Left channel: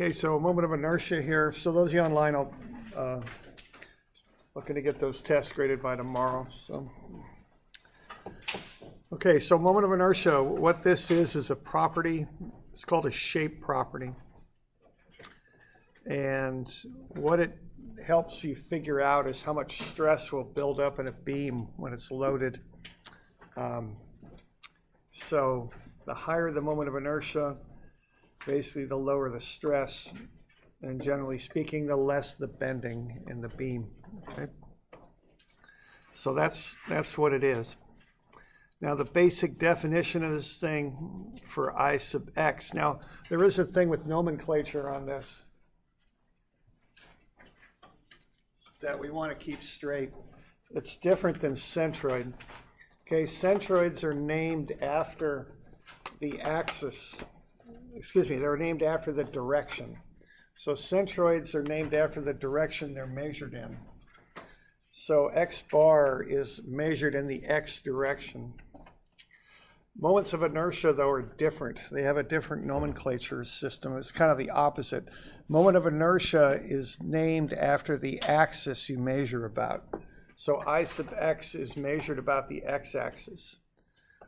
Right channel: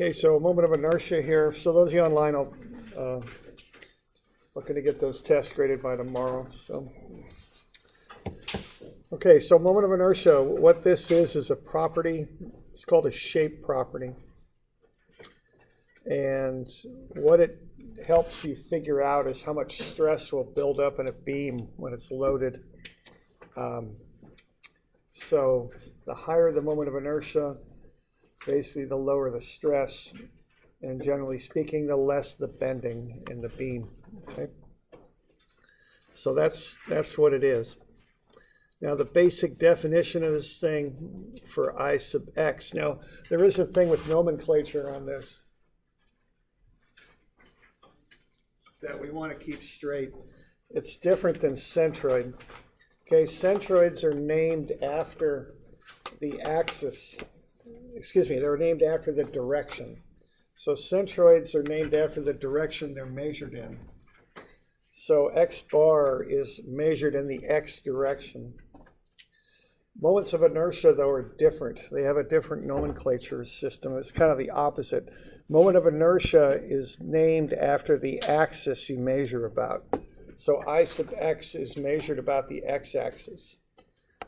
Okay, so a moment of inertia here. So those of you online, I'll looking to get those tests graded by tomorrow. So, okay, so moment of inertia. What this is a property. It's called a shape property, and what it helps you figure out is how much stress will build up in a beam when it's loaded. So the higher the moment of inertia, basically the lower the stress, and generally speaking, the less the bending in the beam. Okay, so that's what it is. Now the basic definition of this thing for I sub x. Now there is a thing with nomenclature on this that we want to keep straight. It's different than centroid. Okay, centroids are named after the axis. Excuse me, they're named after the direction. So centroids are named after the direction they're measured in. So x bar is measured in the x direction. Moments of inertia, though, are different. They have a different nomenclature system. It's kind of the opposite. Moment of inertia is named after the axis you measure about. So I sub x is measured about the x-axis.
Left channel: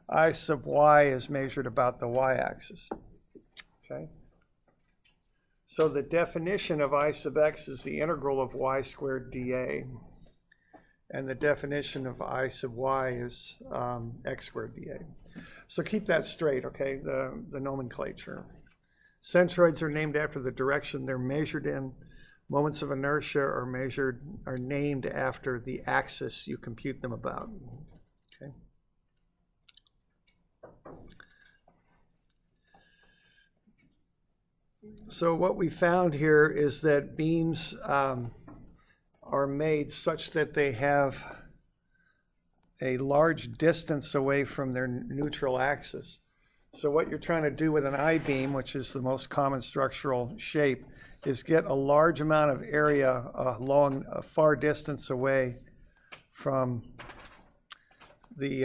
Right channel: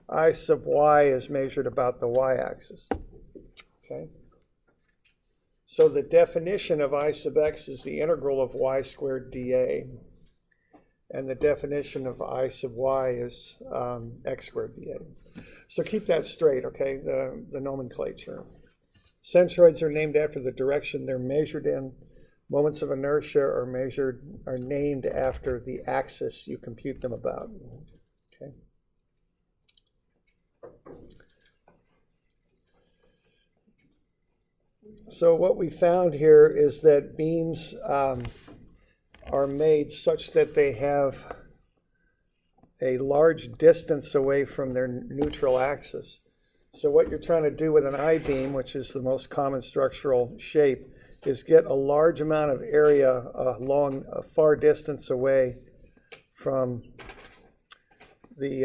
I sub y is measured about the y-axis. Okay. So the definition of I sub x is the integral of y squared dA. And the definition of I sub y is x squared dA. So keep that straight, okay, the nomenclature. Centroids are named after the direction they're measured in. Moments of inertia are named after the axis you compute them about. Okay. So what we found here is that beams are made such that they have a large distance away from their neutral axis. So what you're trying to do with an I-beam, which is the most common structural shape, is get a large amount of area along a far distance away from the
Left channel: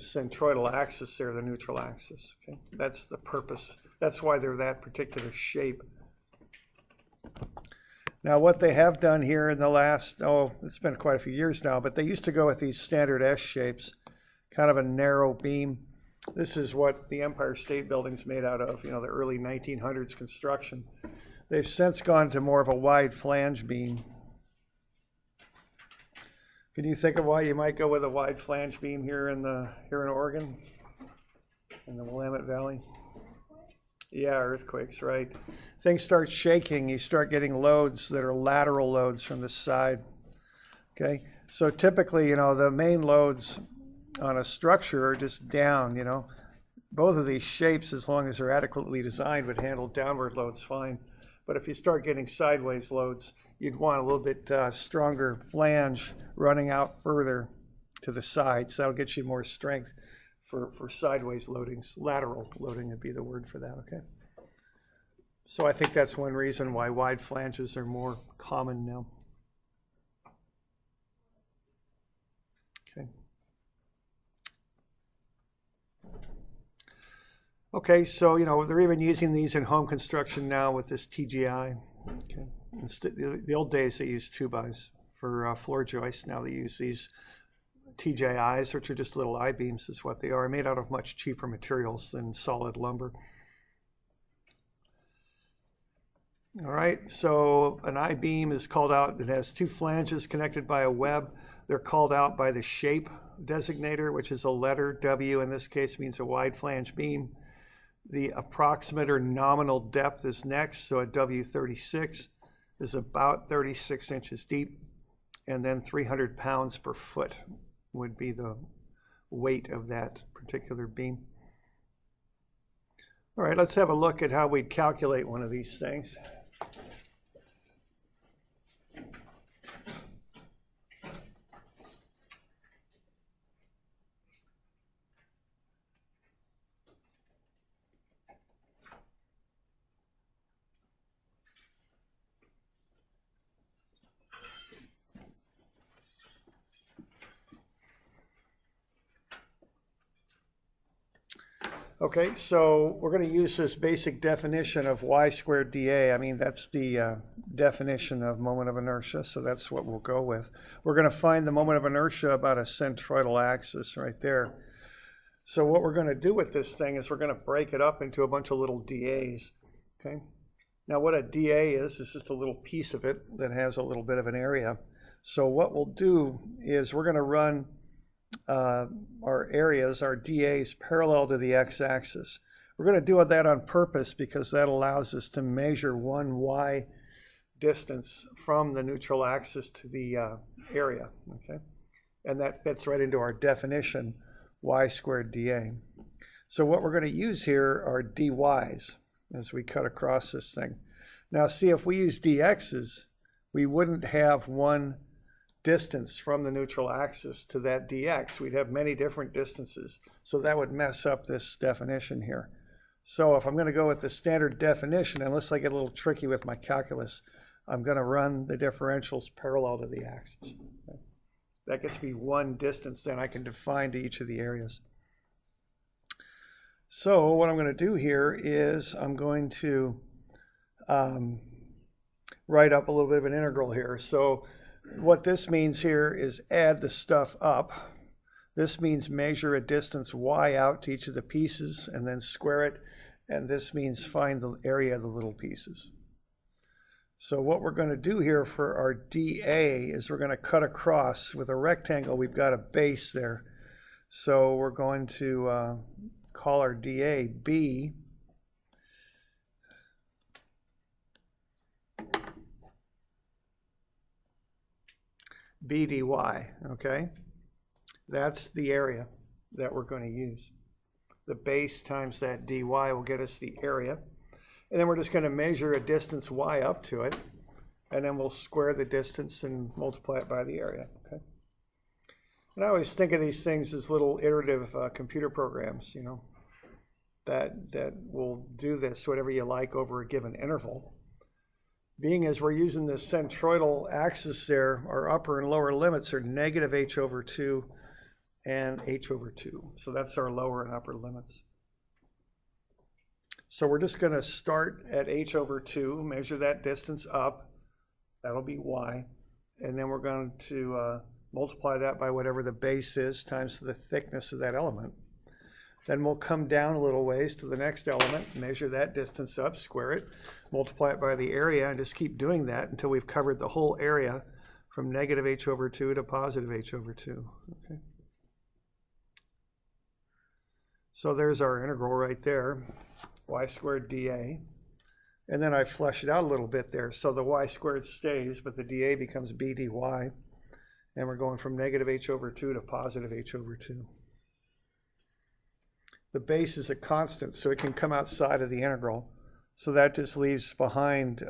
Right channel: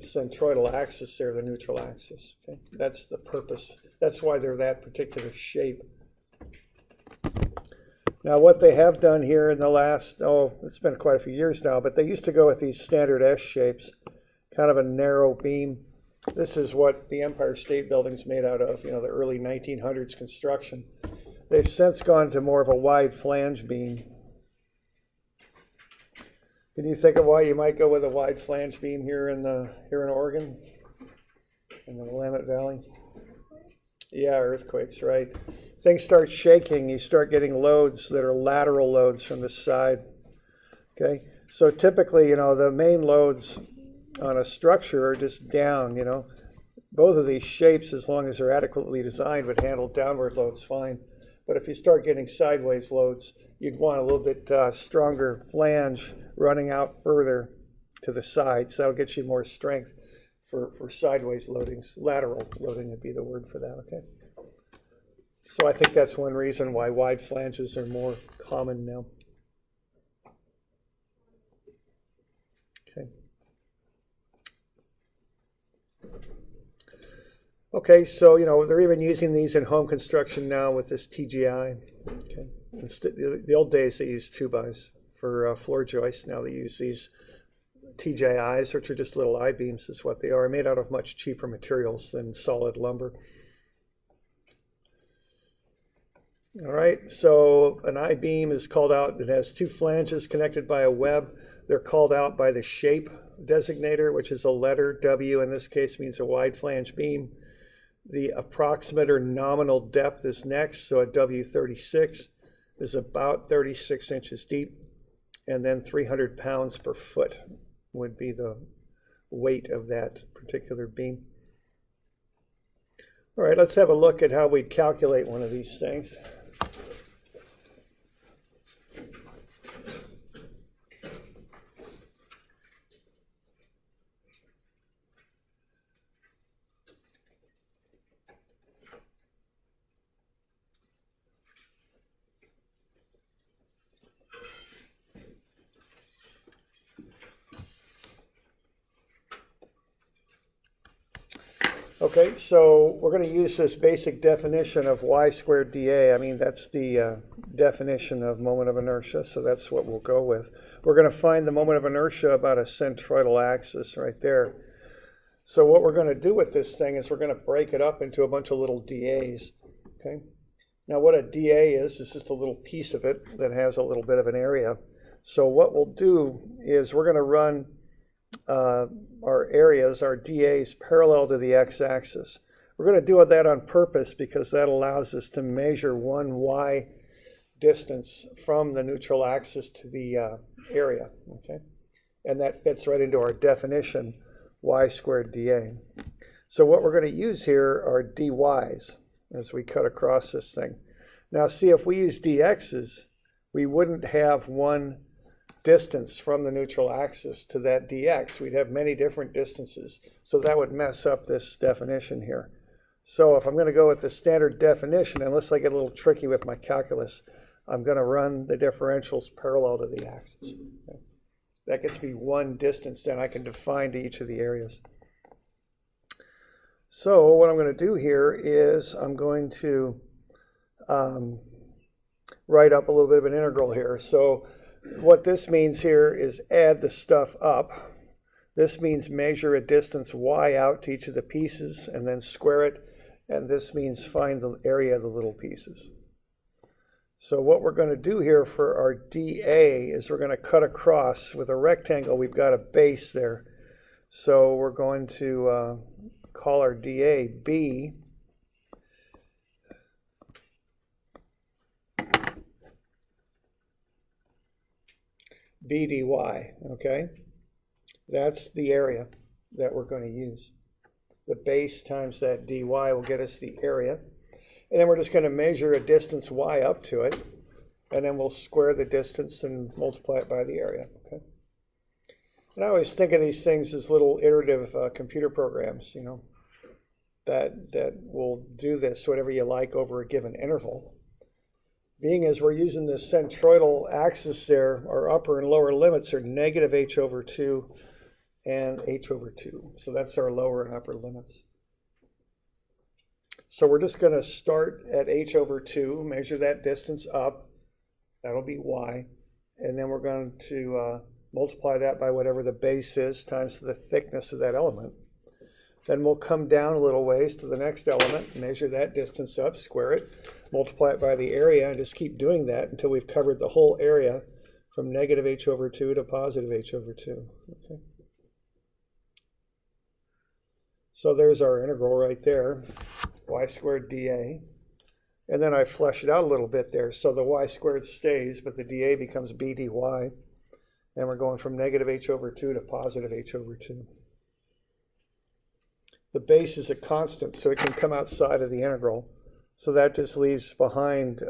centroidal axis there, the neutral axis. Okay? That's the purpose. That's why they're that particular shape. Now what they have done here in the last, it's been quite a few years now, but they used to go with these standard S shapes, kind of a narrow beam. This is what the Empire State Building's made out of, the early 1900s construction. They've since gone to more of a wide flange beam. Can you think of why you might go with a wide flange beam here in Oregon, in the Willamette Valley? Yeah, earthquakes, right. Things start shaking, you start getting loads that are lateral loads from the side. Okay, so typically, the main loads on a structure are just down, Both of these shapes, as long as they're adequately designed, would handle downward loads fine. But if you start getting sideways loads, you'd want a little bit stronger flange running out further to the side. So that'll get you more strength for sideways loadings. Lateral loading would be the word for that, okay? So I think that's one reason why wide flanges are more common now. Okay. Okay, so they're even using these in home construction now with this TGI. Okay. The old days they used 2x for floor joists. Now they use these TJIs, which are just little I-beams, is what they are, made out of much cheaper materials than solid lumber. All right, so an I-beam is called out. It has two flanges connected by a web. They're called out by the shape designator, which is a letter W. In this case, means a wide flange beam. The approximate or nominal depth is next, so a W36 is about 36 inches deep, and then 300 pounds per foot would be the weight of that particular beam. All right, let's have a look at how we'd calculate one of these things. Okay, so we're going to use this basic definition of y squared dA. I mean, that's the definition of moment of inertia, so that's what we'll go with. We're going to find the moment of inertia about a centroidal axis right there. So what we're going to do with this thing is we're going to break it up into a bunch of little dAs. Okay. Now what a dA is just a little piece of it that has a little bit of an area. So what we'll do is we're going to run our areas, our dAs, parallel to the x-axis. We're going to do that on purpose because that allows us to measure one y distance from the neutral axis to the area. Okay, and that fits right into our definition, y squared dA. So what we're going to use here are dy's as we cut across this thing. Now see, if we use dx's, we wouldn't have one distance from the neutral axis to that dx. We'd have many different distances. So that would mess up this definition here. So if I'm going to go with the standard definition, unless I get a little tricky with my calculus, I'm going to run the differentials parallel to the axis. Okay. That gets me one distance then I can define to each of the areas. So what I'm going to do here is I'm going to write up a little bit of an integral here. So what this means here is add the stuff up. This means measure a distance y out to each of the pieces and then square it. And this means find the area of the little pieces. So what we're going to do here for our dA is we're going to cut across with a rectangle. We've got a base there. So we're going to call our dA B. B dy, okay? That's the area that we're going to use. The base times that dy will get us the area. And then we're just going to measure a distance y up to it. And then we'll square the distance and multiply it by the area, okay? And I always think of these things as little iterative computer programs, you know, that will do this, whatever you like, over a given interval. Being as we're using this centroidal axis there, our upper and lower limits are negative h over 2 and h over 2. So that's our lower and upper limits. So we're just going to start at h over 2, measure that distance up. That'll be y. And then we're going to multiply that by whatever the base is times the thickness of that element. Then we'll come down a little ways to the next element, measure that distance up, square it, multiply it by the area, and just keep doing that until we've covered the whole area from negative h over 2 to positive h over 2. Okay. So there's our integral right there, y squared dA. And then I flesh it out a little bit there. So the y squared stays, but the dA becomes b dy. And we're going from negative h over 2 to positive h over 2. The base is a constant, so it can come outside of the integral. So that just leaves behind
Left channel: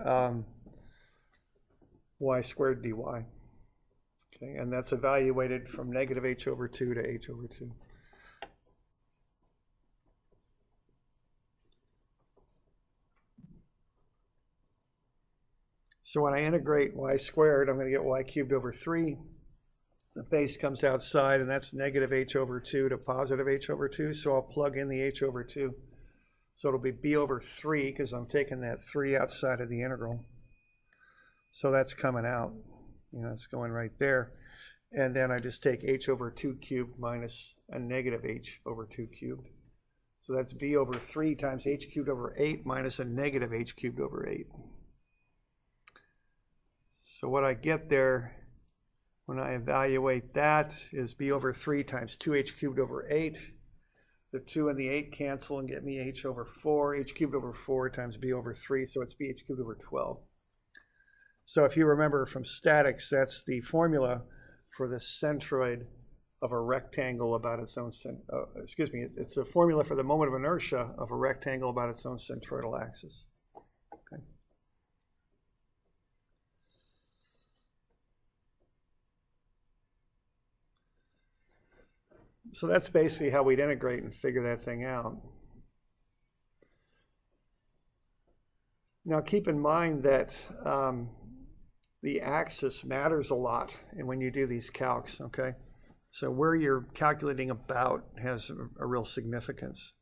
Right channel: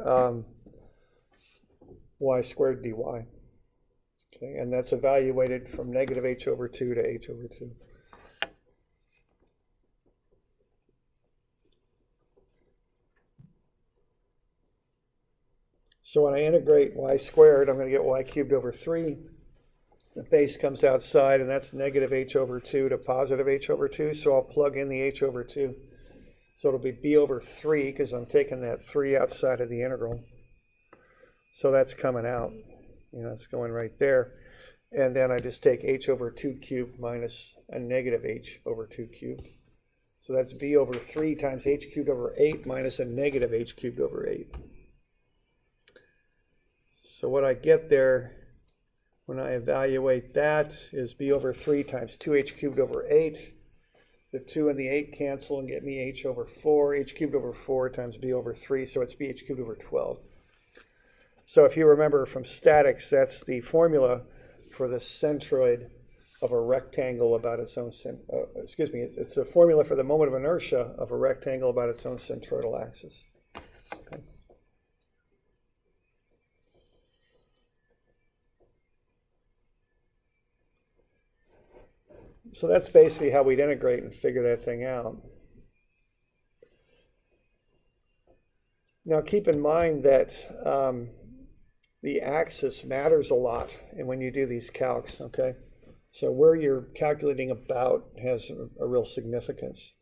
y squared dy. Okay, and that's evaluated from negative h over 2 to h over 2. So when I integrate y squared, I'm going to get y cubed over 3. The base comes outside, and that's negative h over 2 to positive h over 2. So I'll plug in the h over 2. So it'll be b over 3 because I'm taking that 3 outside of the integral. So that's coming out. You know, it's going right there. And then I just take h over 2 cubed minus a negative h over 2 cubed. So that's b over 3 times h cubed over 8 minus a negative h cubed over 8. So what I get there when I evaluate that is b over 3 times 2h cubed over 8. The 2 and the 8 cancel and get me h over 4. H cubed over 4 times b over 3, so it's bh cubed over 12. So if you remember from statics, that's the formula for the centroid of a rectangle about its own, it's a formula for the moment of inertia of a rectangle about its own centroidal axis. Okay. So that's basically how we'd integrate and figure that thing out. Now keep in mind that the axis matters a lot when you do these calcs, okay? So where you're calculating about has a real significance.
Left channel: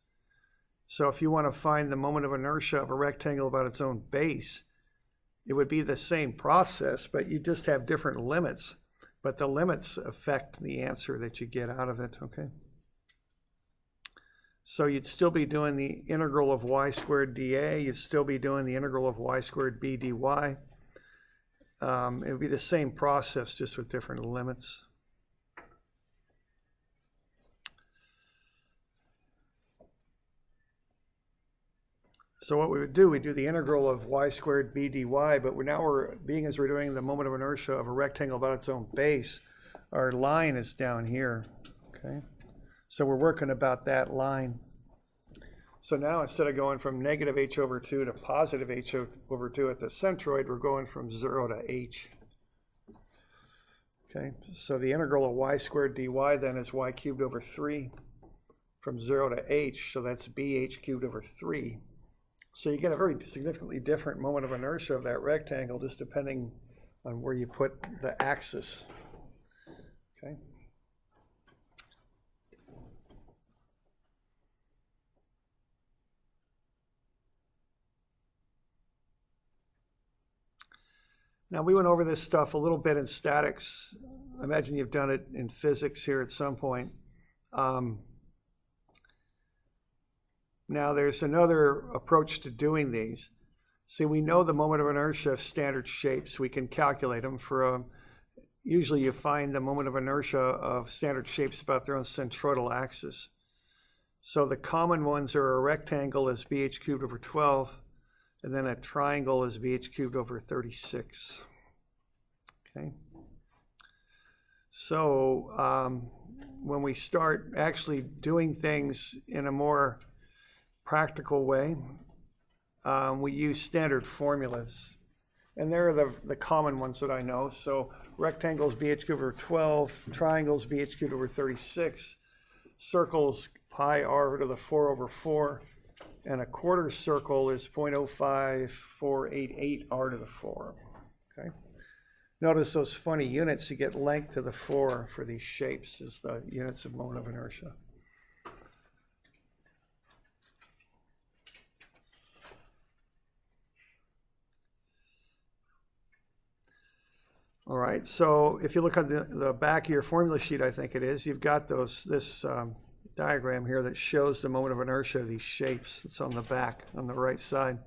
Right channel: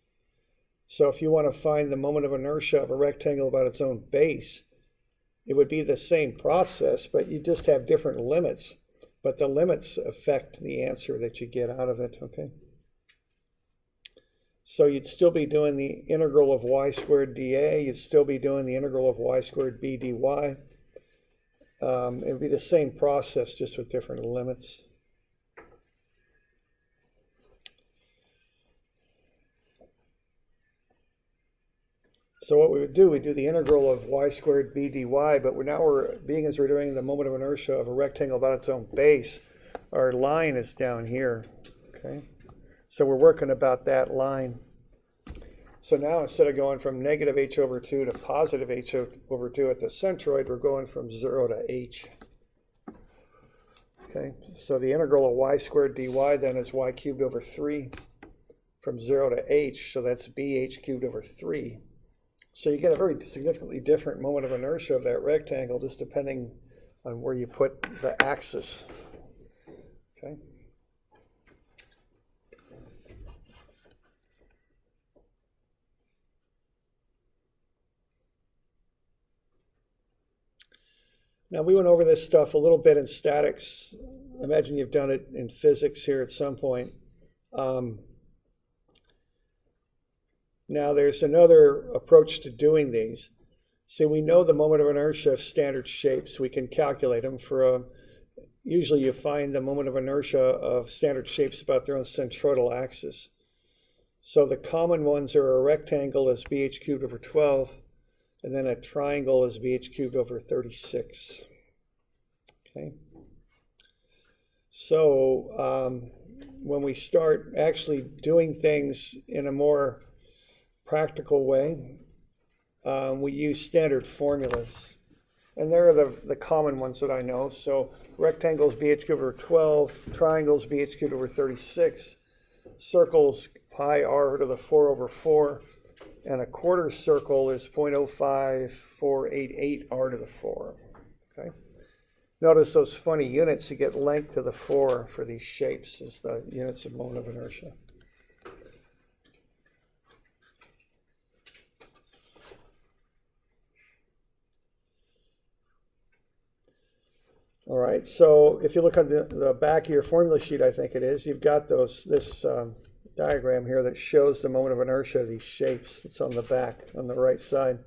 So if you want to find the moment of inertia of a rectangle about its own base, it would be the same process, but you just have different limits. But the limits affect the answer that you get out of it, okay? So you'd still be doing the integral of y squared dA. You'd still be doing the integral of y squared b dy. It would be the same process, just with different limits. So what we would do, we do the integral of y squared b dy, but being as we're doing the moment of inertia of a rectangle about its own base, our line is down here, okay? So we're working about that line. So now instead of going from negative h over 2 to positive h over 2 at the centroid, we're going from 0 to h. Okay, so the integral of y squared dy then is y cubed over 3 from 0 to h, so that's bh cubed over 3. So you get a very significantly different moment of inertia of that rectangle just depending on where you put the axis. Okay. Now we went over this stuff a little bit in statics. I imagine you've done it in physics here at some point. Now there's another approach to doing these. See, we know the moment of inertia of standard shapes. We can calculate them usually you find the moment of inertia of standard shapes about their own centroidal axis. So the common ones are a rectangle is bh cubed over 12, and then a triangle is bh cubed over 36. Okay. So when we start actually doing things in a more practical way, we use standard formulas. And they're the common ones that I know. So rectangles bh cubed over 12, triangles bh cubed over 36, circles pi r to the 4 over 4, and a quarter circle is 0.05488 r to the 4. Okay. Notice those funny units, you get length to the 4 for these shapes as the units of moment of inertia. All right, so if you look on the back of your formula sheet, I think it is, you've got this diagram here that shows the moment of inertia of these shapes. It's on the back, on the right side.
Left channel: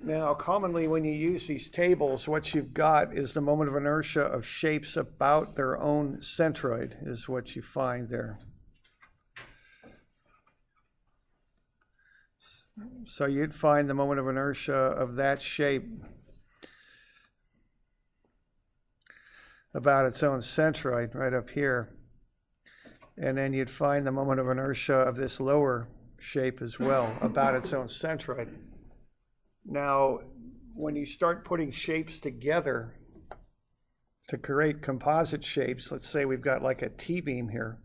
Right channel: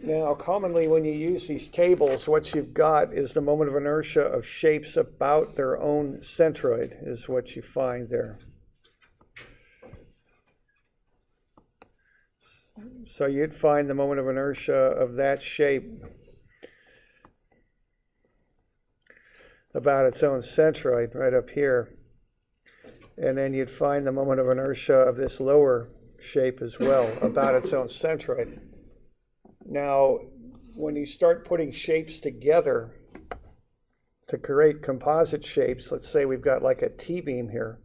Now, commonly when you use these tables, what you've got is the moment of inertia of shapes about their own centroid is what you find there. So you'd find the moment of inertia of that shape about its own centroid right up here. And then you'd find the moment of inertia of this lower shape as well about its own centroid. Now, when you start putting shapes together to create composite shapes, let's say we've got like a T-beam here,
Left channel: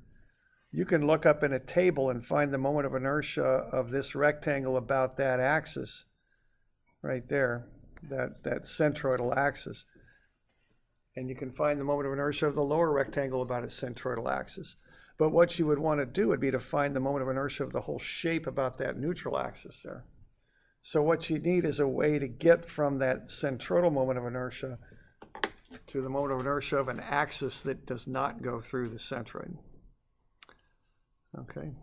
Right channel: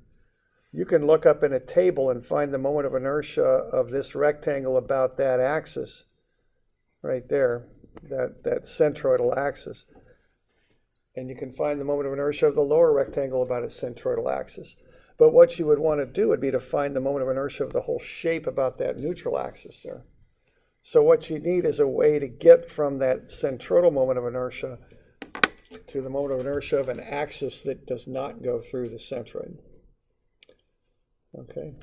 you can look up in a table and find the moment of inertia of this rectangle about that axis right there, that centroidal axis. And you can find the moment of inertia of the lower rectangle about its centroidal axis. But what you would want to do would be to find the moment of inertia of the whole shape about that neutral axis there. So what you need is a way to get from that centroidal moment of inertia to the moment of inertia of an axis that does not go through the centroid. Okay,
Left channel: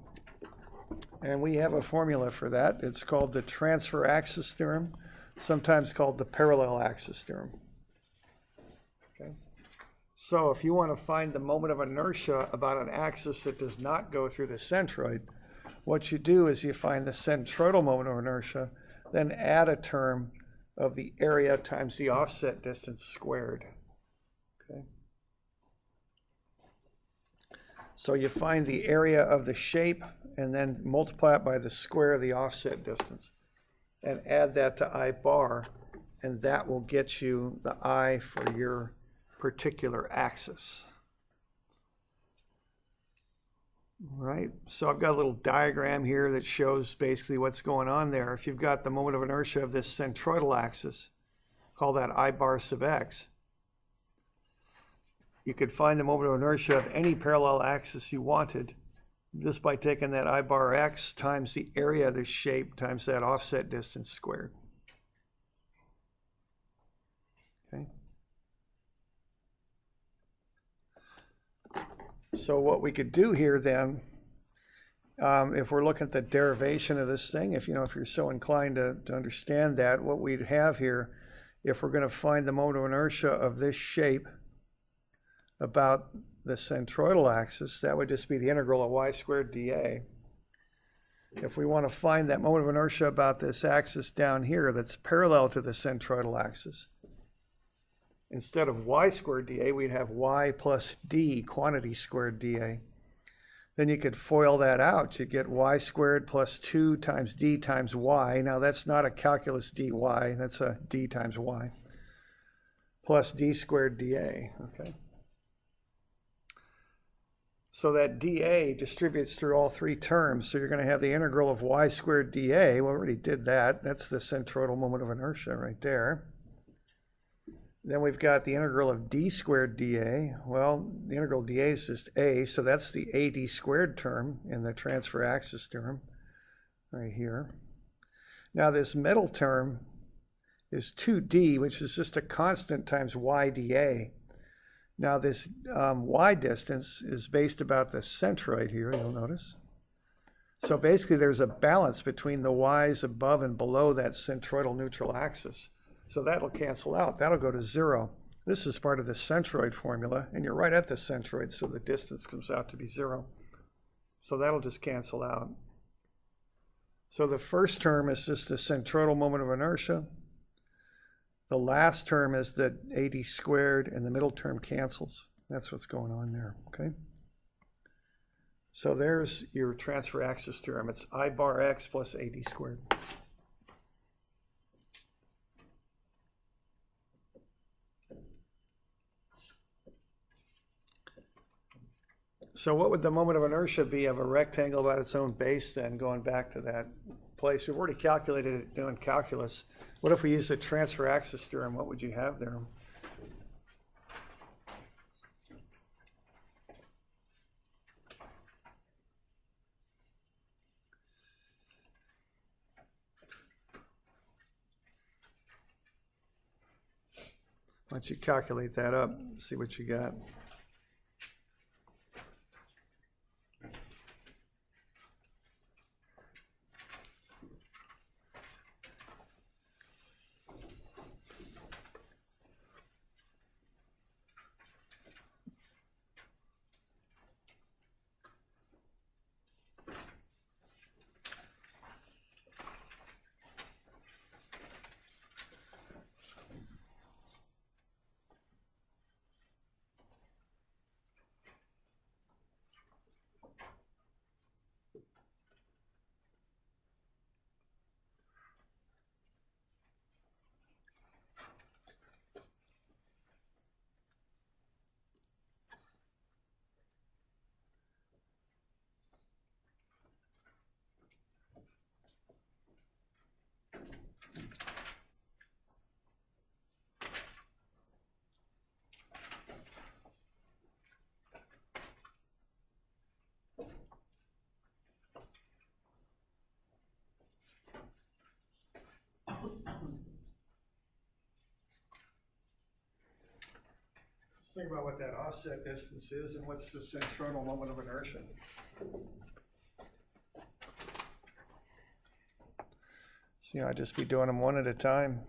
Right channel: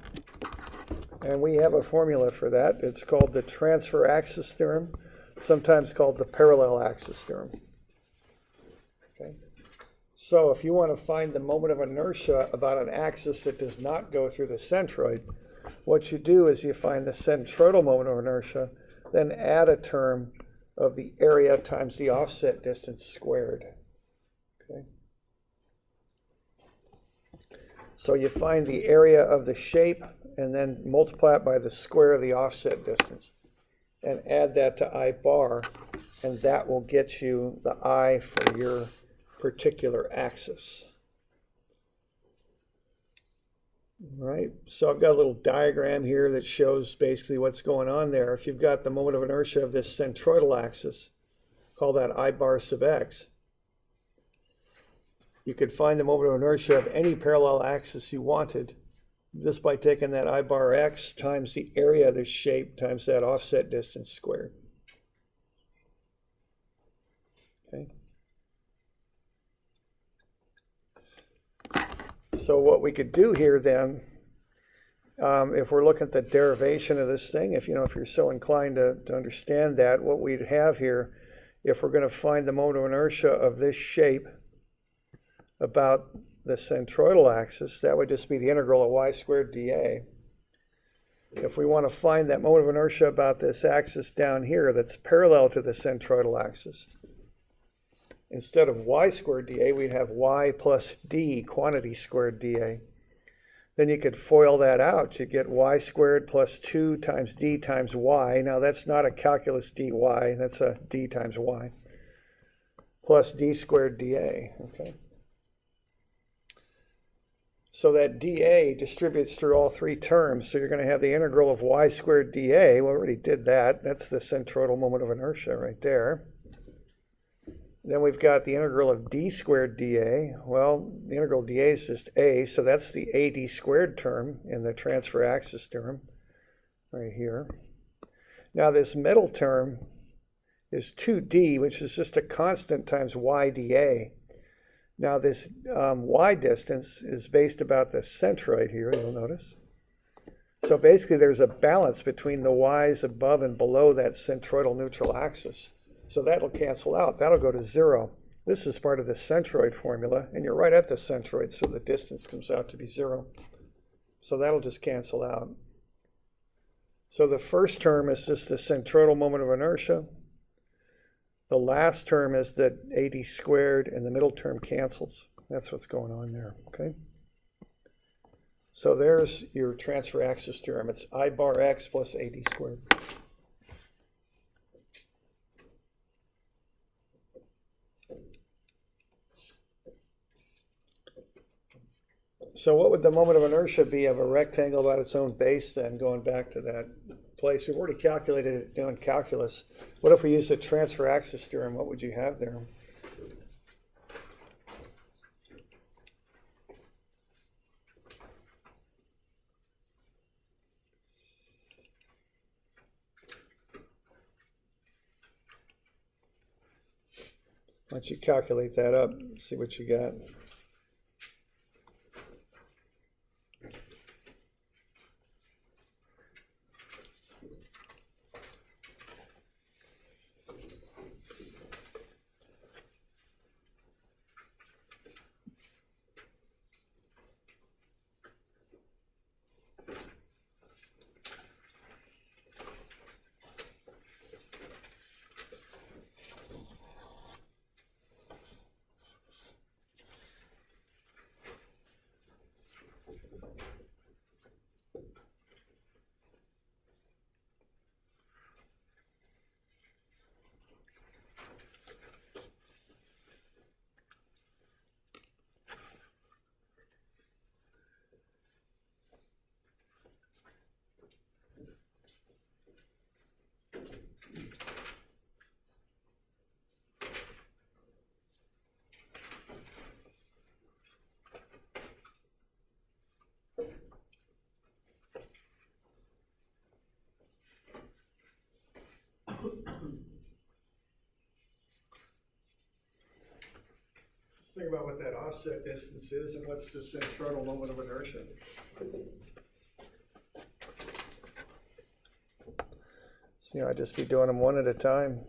and we have a formula for that. It's called the transfer axis theorem, sometimes called the parallel axis theorem. Okay, so if you want to find the moment of inertia about an axis that does not go through the centroid, what you do is you find the centroidal moment of inertia, then add a term of the area times the offset distance squared. Okay. So you find the area of the shape and then multiply it by the square of the offset distance and add that to I bar, and that will get you the I for your particular axis. All right, so I've got a little diagram here that shows basically what's going on there. If you've got the moment of inertia of this centroidal axis, call that I bar sub x. you could find the moment of inertia of any parallel axis you wanted just by taking that I bar x times the area of this shape times that offset distance squared. Okay. So what we could do here then, if we're looking at the derivation of this thing, if you're so inclined to understand that, what we'd have here, if we're going to find the moment of inertia of this shape about the centroidal axis, that would just be the integral of y squared dA. If we want to find that moment of inertia about this axis down here that's parallel to the centroidal axis, instead of y squared dA, we'd have y plus d, quantity squared dA. Then you could FOIL that out. You get y squared plus 2 times d times y. Now that's not a calculus dy, that's a d times y, plus d squared dA, okay? So that dA distributes through all three terms, so you're going to have the integral of y squared dA. We already did that. That's the centroidal moment of inertia right there. Then we've got the integral of d squared dA. Well, the integral dA is just a, so that's the AD squared term in the transfer axis theorem right here. Now this middle term is 2d, which is just a constant times y dA. Now this y distance is based about the centroid here, you'll notice. So basically there's a balance between the y's above and below that centroidal neutral axis. So that'll cancel out. That'll go to 0. This is part of the centroid formula, and you're right at the centroid, so the distance comes out to be 0. So that'll just cancel out. So the first term is just the centroidal moment of inertia. The last term is the AD squared, and the middle term cancels. That's what's going on there, okay? So there's your transfer axis theorem. It's I bar x plus AD squared. So what would the moment of inertia be of a rectangle about its own base then, going back to that place? We've already calculated it doing calculus. What if we use the transfer axis theorem? What would you have there? Why don't you calculate that up, see what you got. Let's think about what that offset distance is and what's the centroidal moment of inertia. So I'd just be doing them one at a time.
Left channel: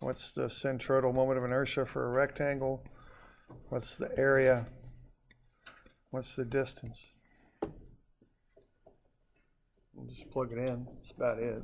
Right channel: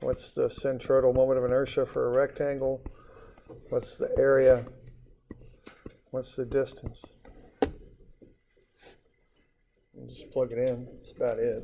What's the centroidal moment of inertia for a rectangle? What's the area? What's the distance? We'll just plug it in. That's about it.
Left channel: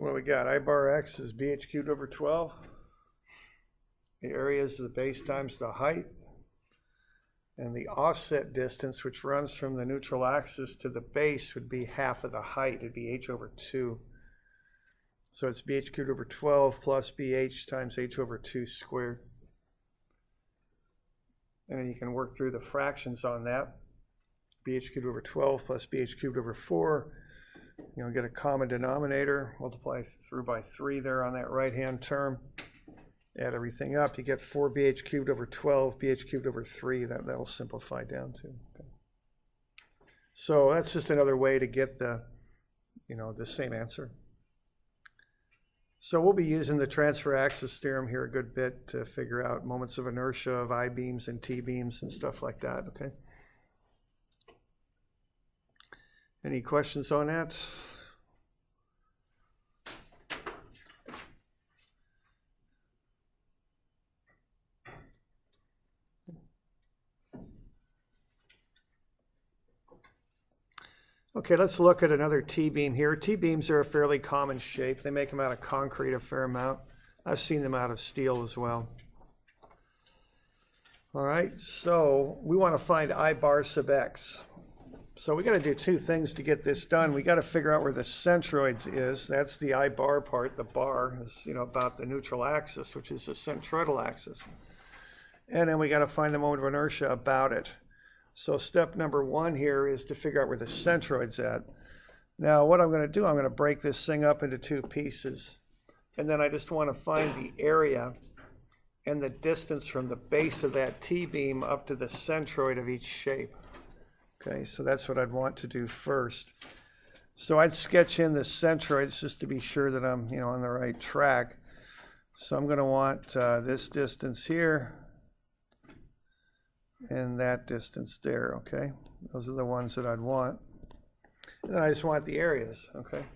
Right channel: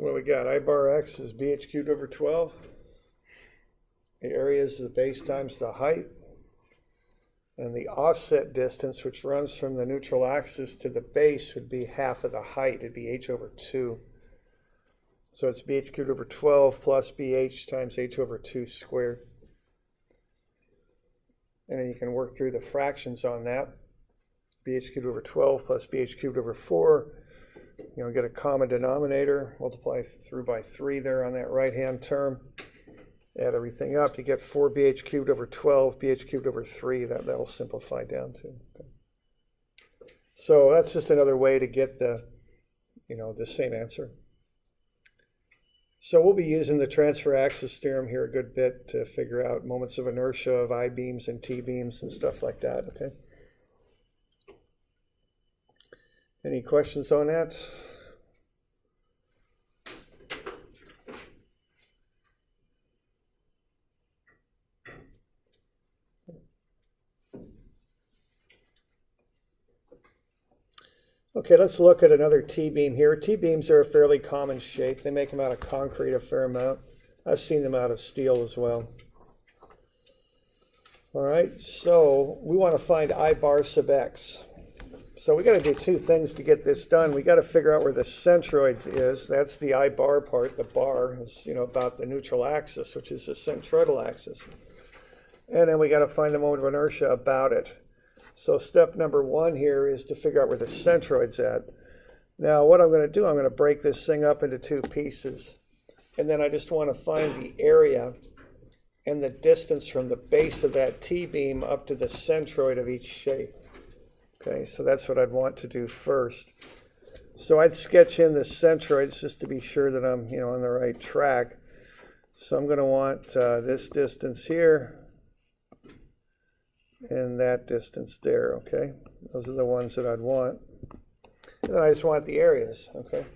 What do we got? I bar x is bh cubed over 12. The area is the base times the height. And the offset distance, which runs from the neutral axis to the base, would be half of the height. It'd be h over 2. So it's bh cubed over 12 plus bh times h over 2 squared. And then you can work through the fractions on that. Bh cubed over 12 plus bh cubed over 4. Get a common denominator, multiply through by 3 there on that right-hand term. Add everything up, you get 4bh cubed over 12, bh cubed over 3. That'll simplify down to. Okay. So that's just another way to get the same answer. So we'll be using the transfer axis theorem here a good bit to figure out moments of inertia of I-beams and T-beams and stuff like that, okay? Any questions on that? Okay, let's look at another T-beam here. T-beams are a fairly common shape. They make them out of concrete a fair amount. I've seen them out of steel as well. All right, so we want to find I bar sub x. So we got to do two things to get this done. We got to figure out where the centroids is. That's the I bar part. The bar is, about the neutral axis, which is the centroidal axis. And then we got to find the moment of inertia about it. So step number 1 here is to figure out where the centroid's at. Now what I'm going to do, I'm going to break this thing up into 2 pieces. And then I just want to find the area and the distance from the base of that T-beam up to the centroid of each shape. Okay, so that's what I'd want to do first. So I'd sketch in the centroids just to be sure that I'm, on the right track. So I'm going to want this distance here and that distance there, okay? Those are the ones that I'd want. And then I just want the areas, okay?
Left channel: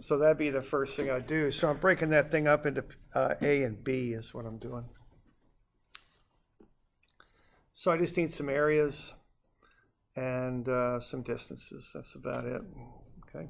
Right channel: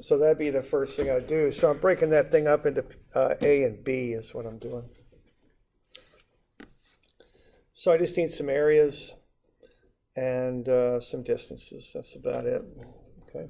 So that'd be the first thing I'd do. So I'm breaking that thing up into A and B is what I'm doing. So I just need some areas and some distances. That's about it, okay?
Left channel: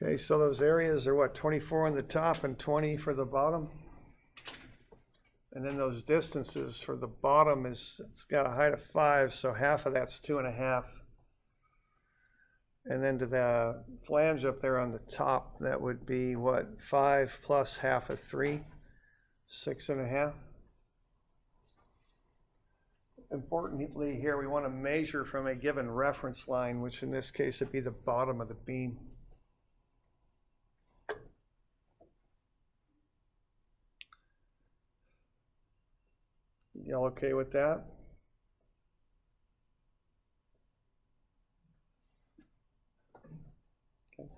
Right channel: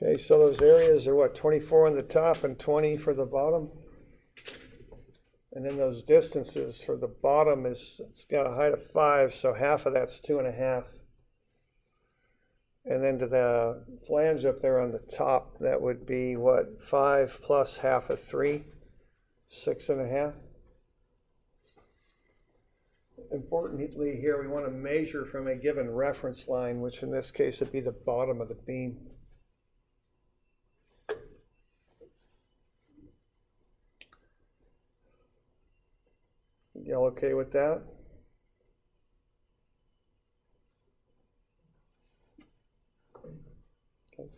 Okay, so those areas are what, 24 on the top and 20 for the bottom? And then those distances for the bottom it's got a height of 5, so half of that's 2.5. And then to the flange up there on the top, that would be what, 5 plus half of 3, 6.5. Importantly here, we want to measure from a given reference line, which in this case would be the bottom of the beam. Y'all okay with that? Okay.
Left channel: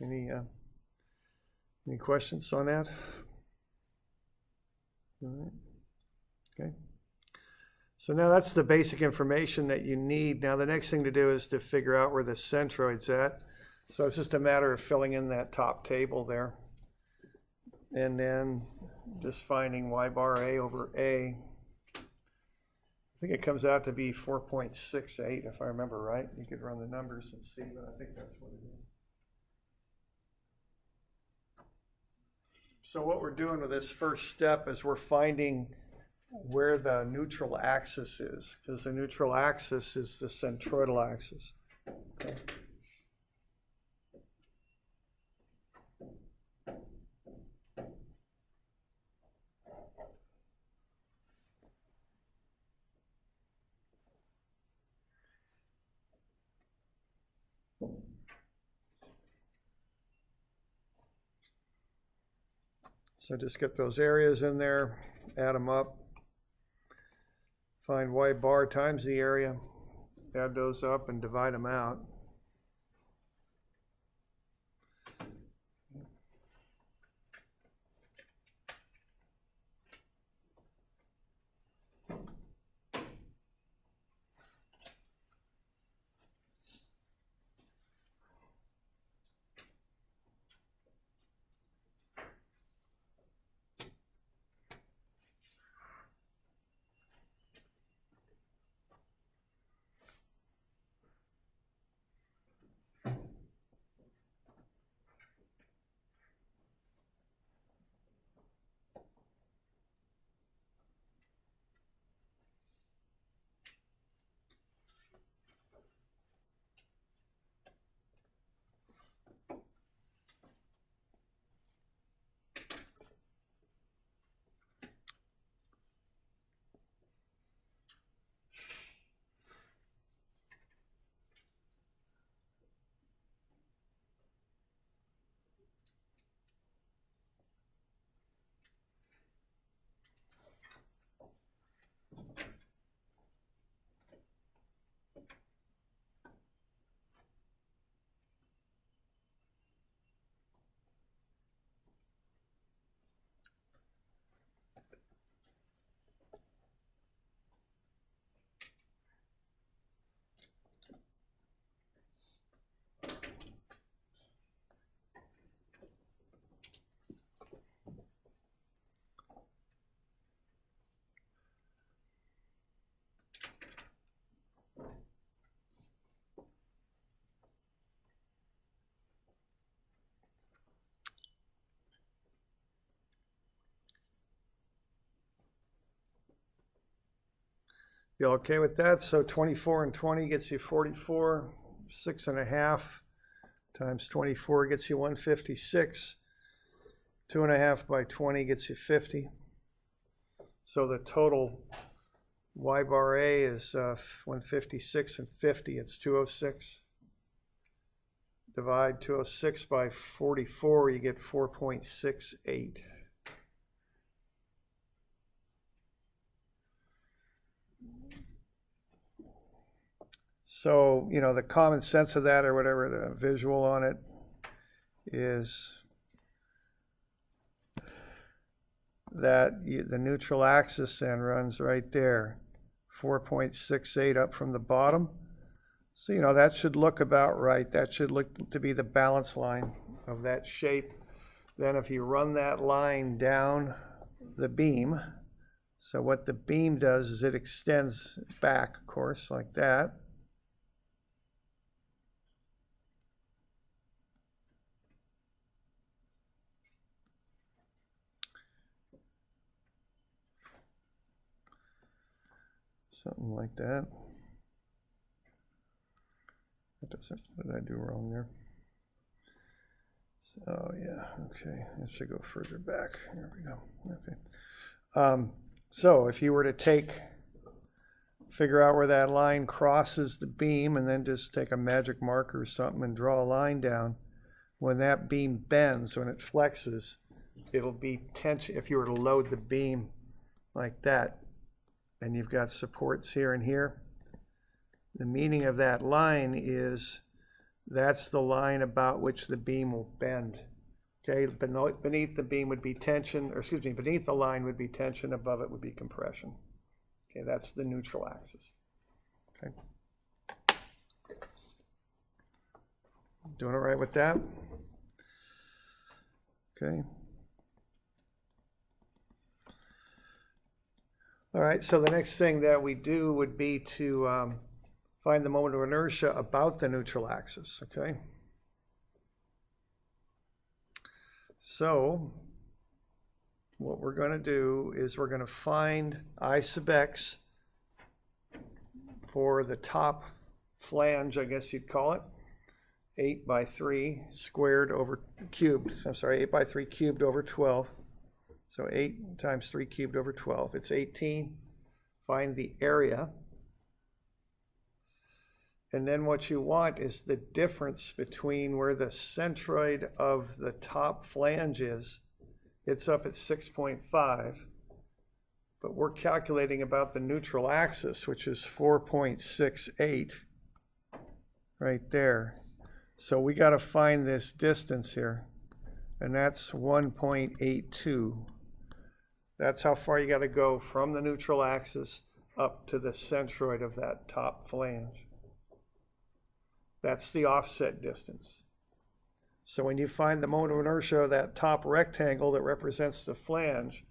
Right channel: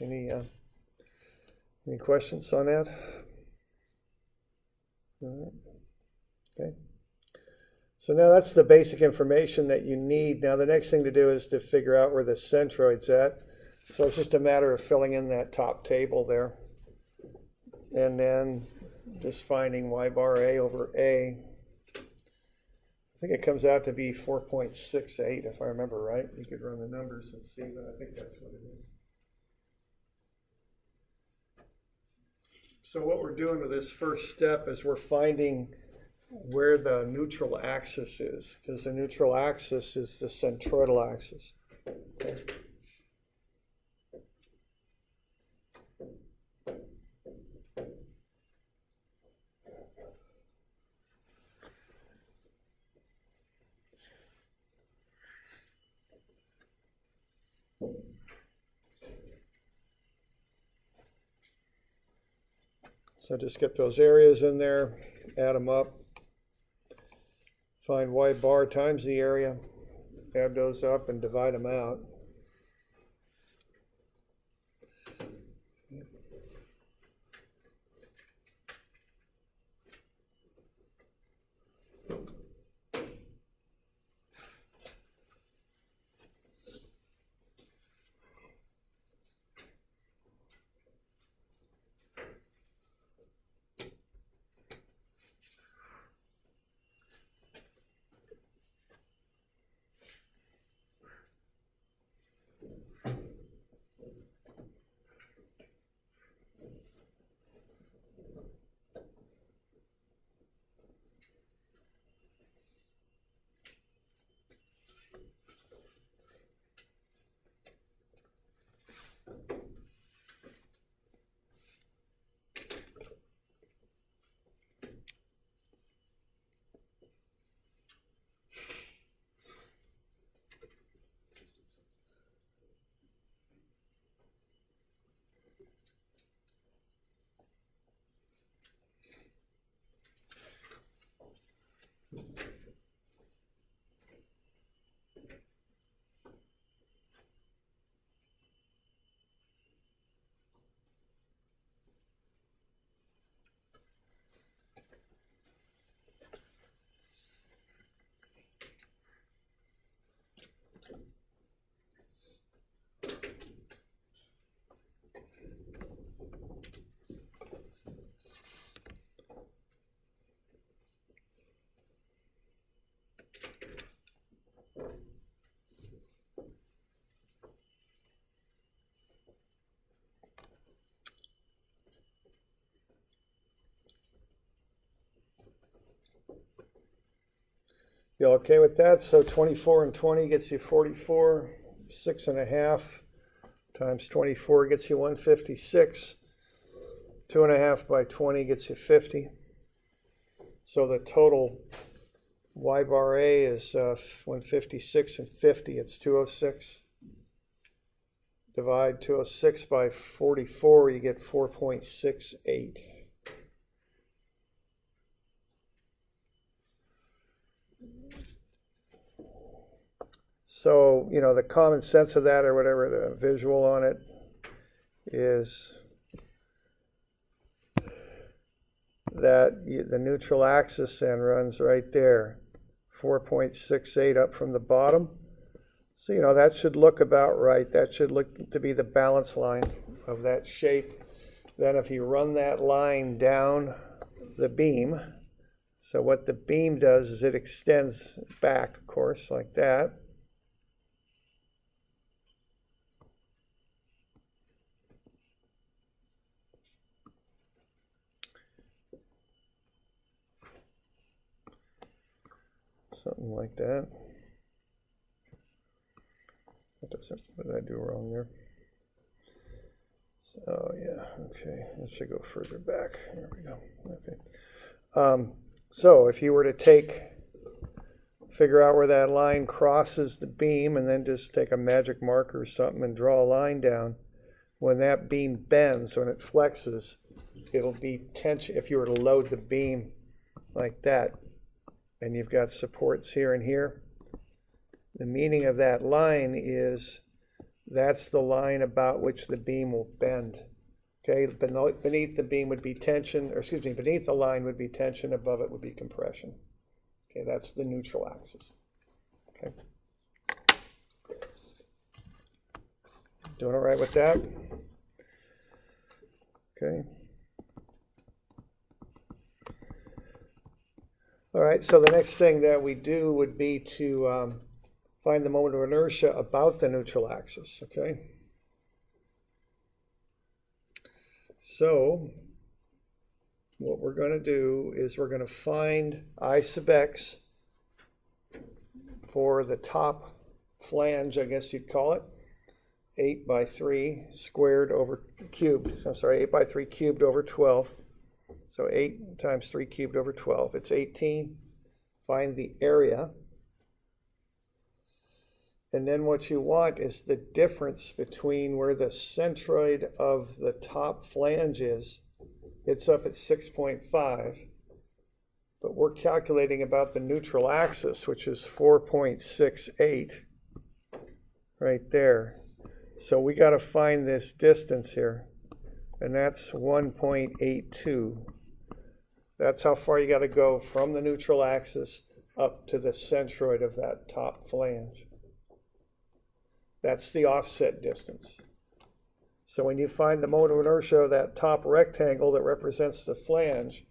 Any questions on that? All right. Okay. So now that's the basic information that you need. Now the next thing to do is to figure out where the centroid's at. So it's just a matter of filling in that top table there. And then just finding y bar a over a. I think it comes out to be 4.68 if I remember right. You could run the numbers and see, but I think that's what it is. So what we're doing with this first step is we're finding where the neutral axis is, because the neutral axis is the centroidal axis. Okay. So just get those areas in there, add them up, find y bar times the area, add those up and divide them out. You okay with that? So 24 and 20 gets you 44, 6.5 times 24 gets you 156, 2.5 by 20 gets you 50. So the total y bar A is 156 and 50, it's 206. Divide 206 by 44, you get 4.68. So, you know, the common sense of that, or whatever, the visual on it, is that the neutral axis then runs right there, 4.68 up from the bottom. So, you know, that should look about right. That should look to be the balance line of that shape. Then if you run that line down the beam, so what the beam does is it extends back, of course, like that. Something like that. That doesn't, what did I do wrong there? Oh yeah, okay, it should go further back. There we go, okay. So if you were to figure out where that line crosses the beam and then just take a magic marker or something and draw a line down, when that beam bends, when it flexes, it'll be tension. If you were to load the beam like that, and you've got supports here and here, the meaning of that line is that's the line about which the beam will bend. Okay, beneath the beam would be tension, or excuse me, beneath the line would be tension, above it would be compression. Okay, that's the neutral axis. Okay. Doing all right with that? Okay. All right, so the next thing that we do would be to find the moment of inertia about the neutral axis, okay? So what we're going to do is we're going to find I sub x for the top flange, I guess you'd call it, 8 by 3 squared over cubed. I'm sorry, 8 by 3 cubed over 12. So 8 times 3 cubed over 12. It's 18. Find the area. And then what you want is the difference between where the centroid of the top flange is. It's up at 6.5. But we're calculating about the neutral axis, which is 4.68 right there. So we got to find this distance here, and that's 1.82. That's how far you got to go from the neutral axis up to the centroid of that top flange. That's the offset distance. So when you find the moment of inertia of that top rectangle that represents the flange,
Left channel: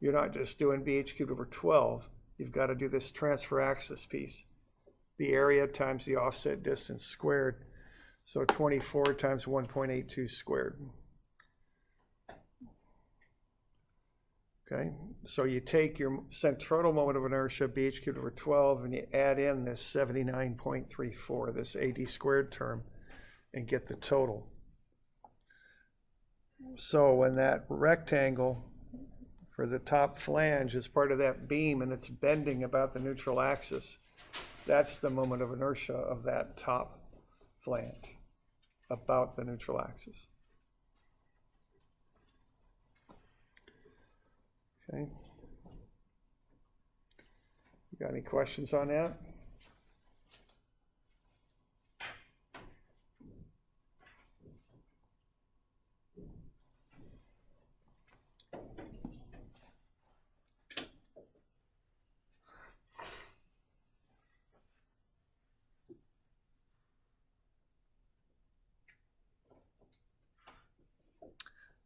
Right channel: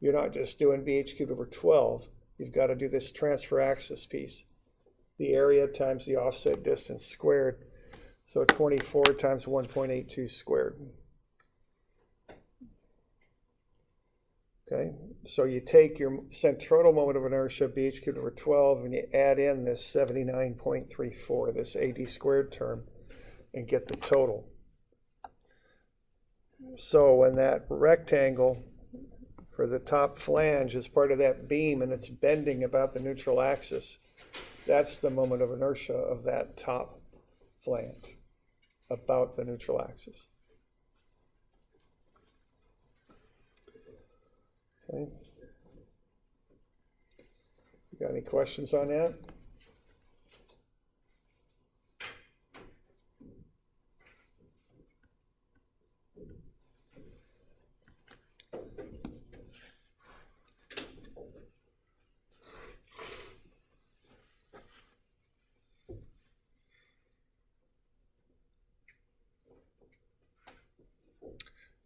you're not just doing bh cubed over 12. You've got to do this transfer axis piece. The area times the offset distance squared. So 24 times 1.82 squared. Okay, so you take your centroidal moment of inertia, bh cubed over 12, and you add in this 79.34, this AD squared term, and get the total. So when that rectangle for the top flange is part of that beam and it's bending about the neutral axis, that's the moment of inertia of that top flange about the neutral axis. Okay. You got any questions on that?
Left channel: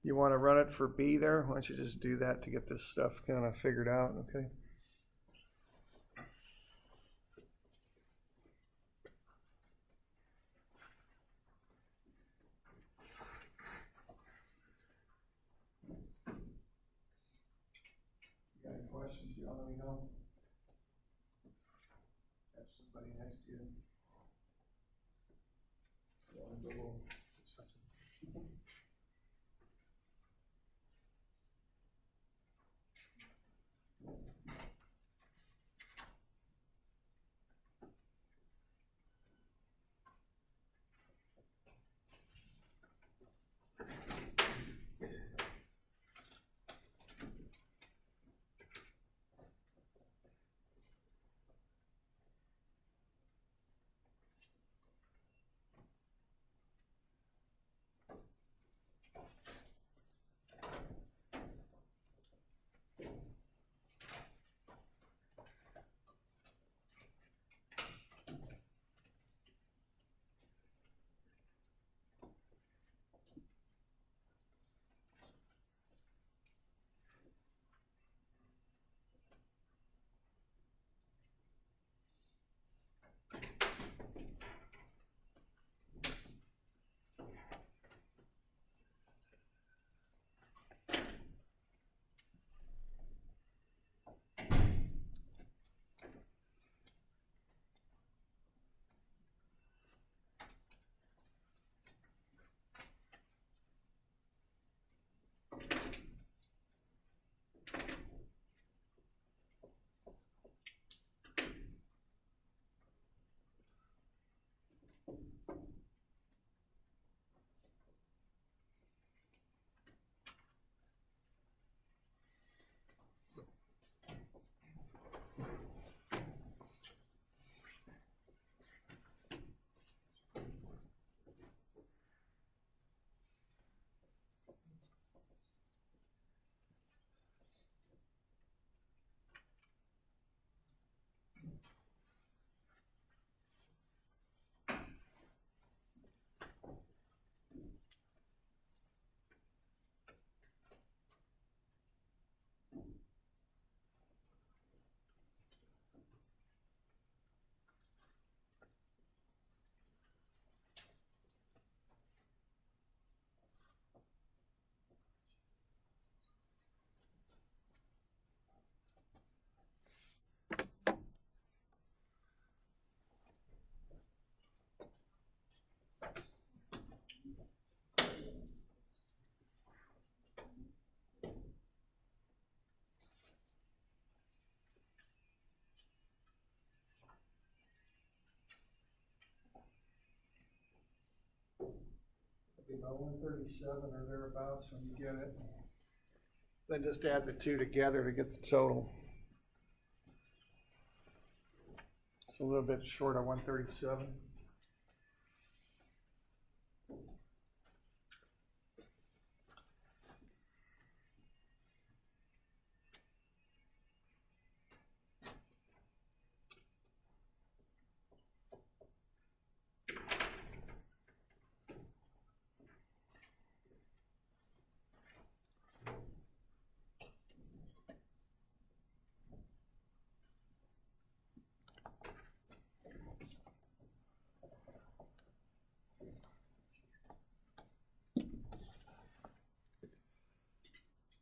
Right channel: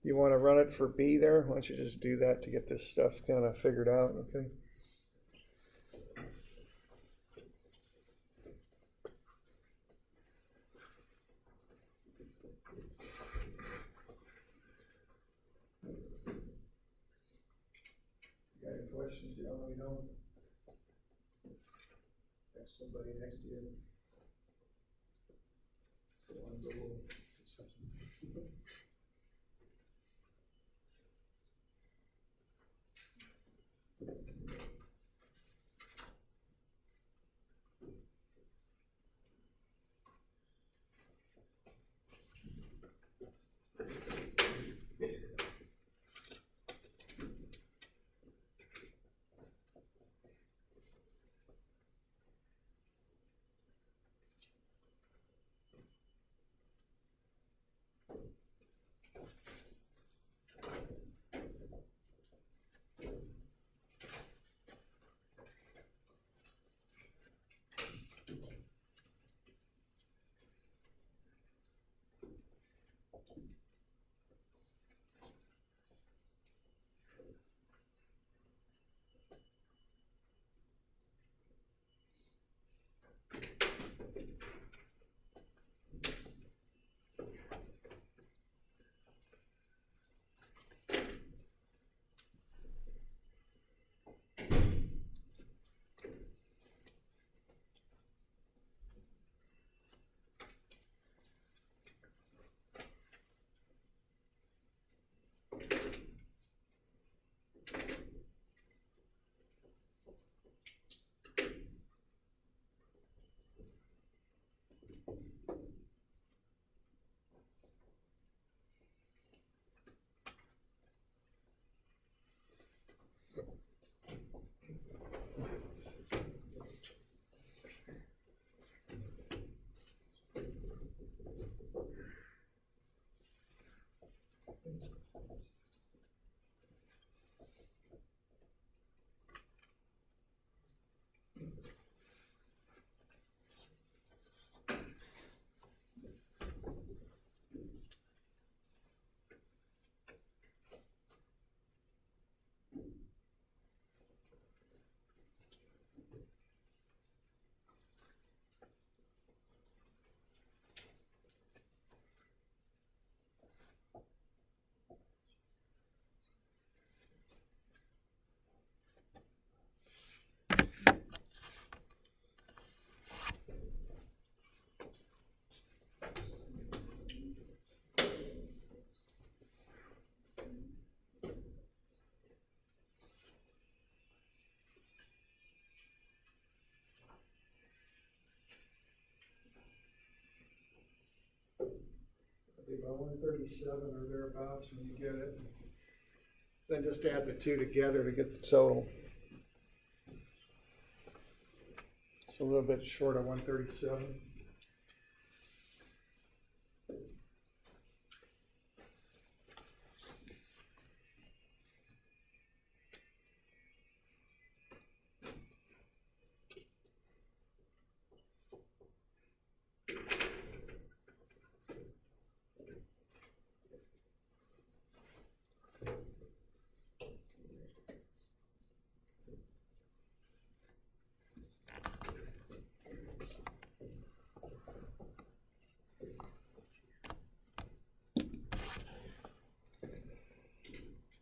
You want to run it for B there? Why don't you just do that to get this stuff kind of figured out, okay? You got any questions? You don't let me know. Have somebody next to you. about 137 or thereabouts when you get it. Then just add the two together to get the total. It's a little bit short of 137.